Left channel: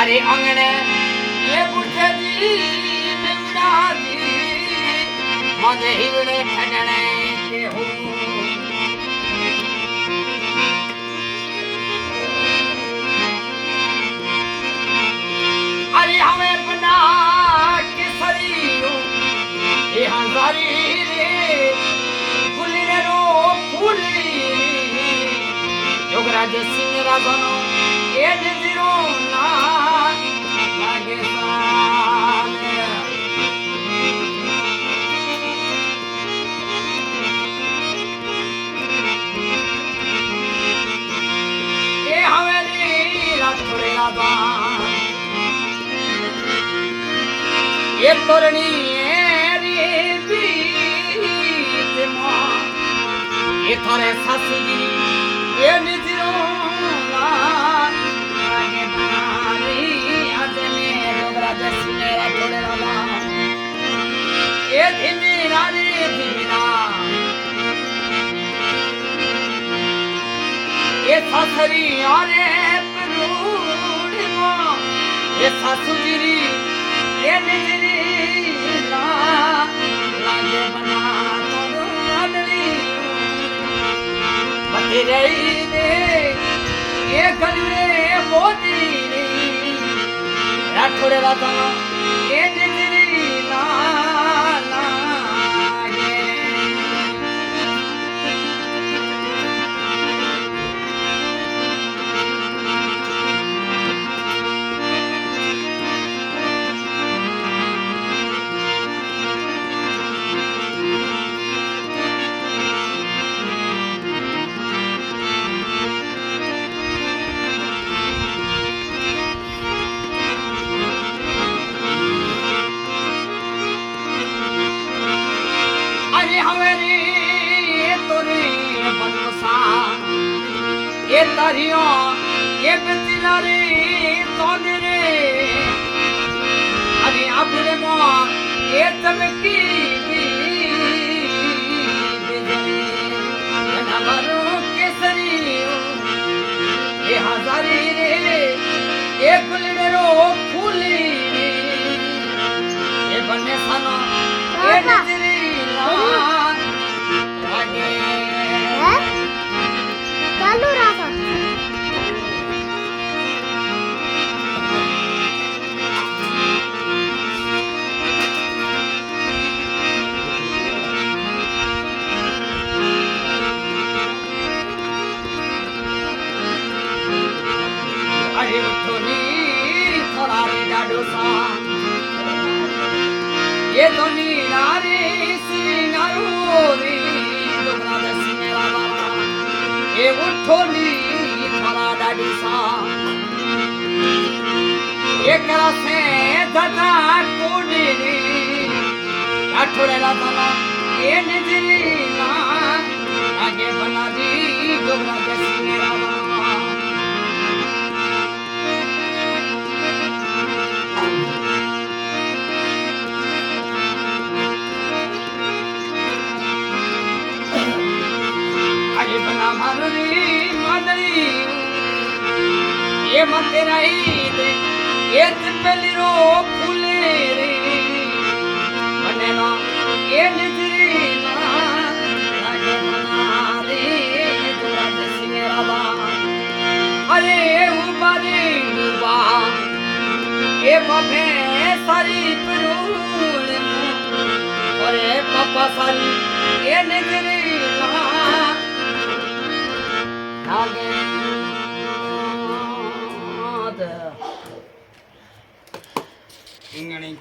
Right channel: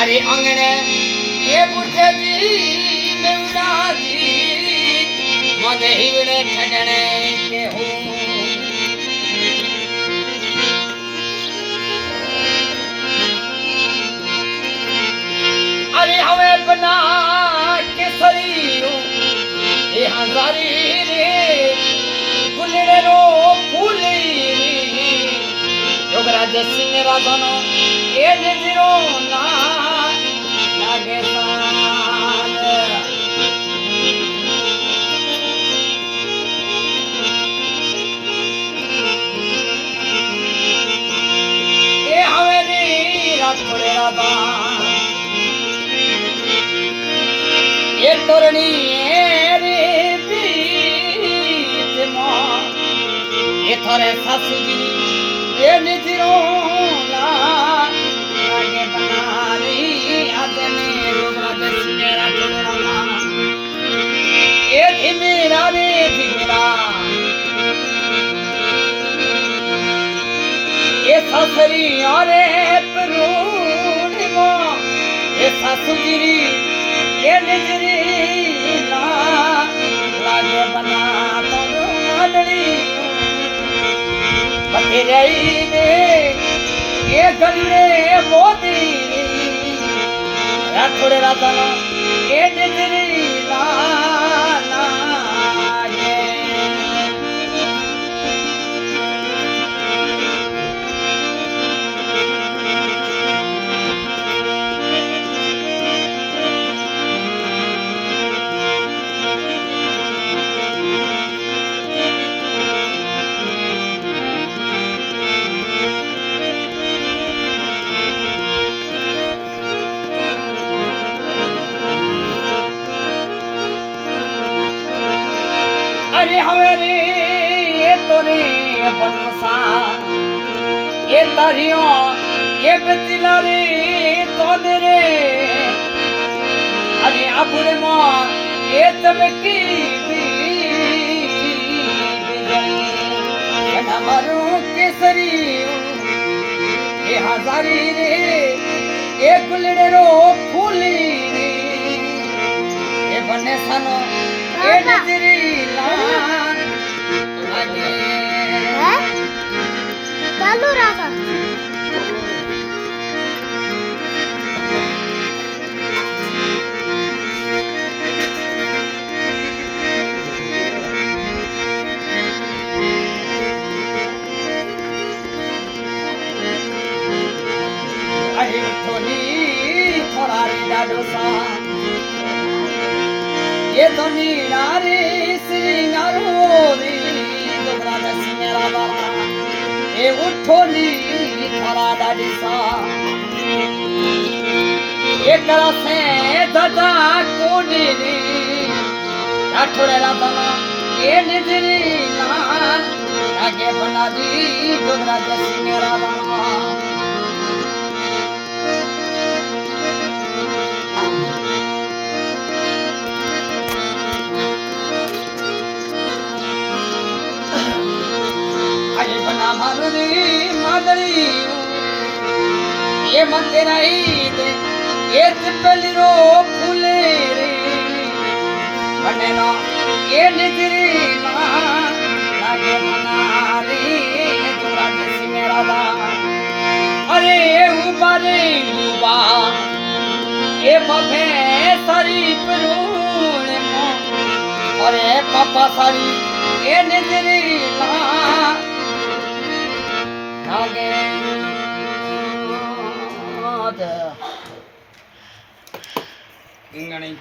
अरे अंगने ये बुढ़े जी बेवड़ा जी मगे हिवड़े ठडने के हो अरे हमें बना केसरी ये हजारी रे फुलरे रो फूली योगराज सिंह राजनो ए नजरो ना लागे साल ए हवेरी रातोरे राबा ए तोरणी रे बीत मा ए थारे सासुजी ए निजरो ना लागे दारी आदने योगराज सिनेरा छोड़ना ना ए धीमेरा रे धीमेरा ए सासरी अरे परूणिमा ए सासुजी ये निजरी ना लागे बना तो आदड़ी बतेरे ने ये गलरे मोती राठौड़े राता ये निजरी ना लागे अरे हमारे ये तोरे बनसा ये तरियो ये बतिला रे तोने रे अरे अपने मां ये तबकी ये नमरो केसरी ये हजारी रे ये गुलड़े रो फूली ये बने सनो ये नजरी चालू रहा अरे थोड़ी थोड़ा रे डाडो सा ये तो नीरारे सिंगारो रे दोगरा दसी मेरा बाबा ये उठो नी थोड़ा डाडी सा ये करासे दादा कोने रे राठौड़े राता ये निजरी ना आगे बना दी दोगरा दसी मेरा बाबा मादरी ये मते नहीं दे ये तिपली रो फूले रे बने ना ये निजरी ना लागे मना रे जोरा जैसी मेरा बा अरे उबारे उबा ये बफे सारी परूने मो अरे पापा सारी ये निजरी ना आगे इंगणी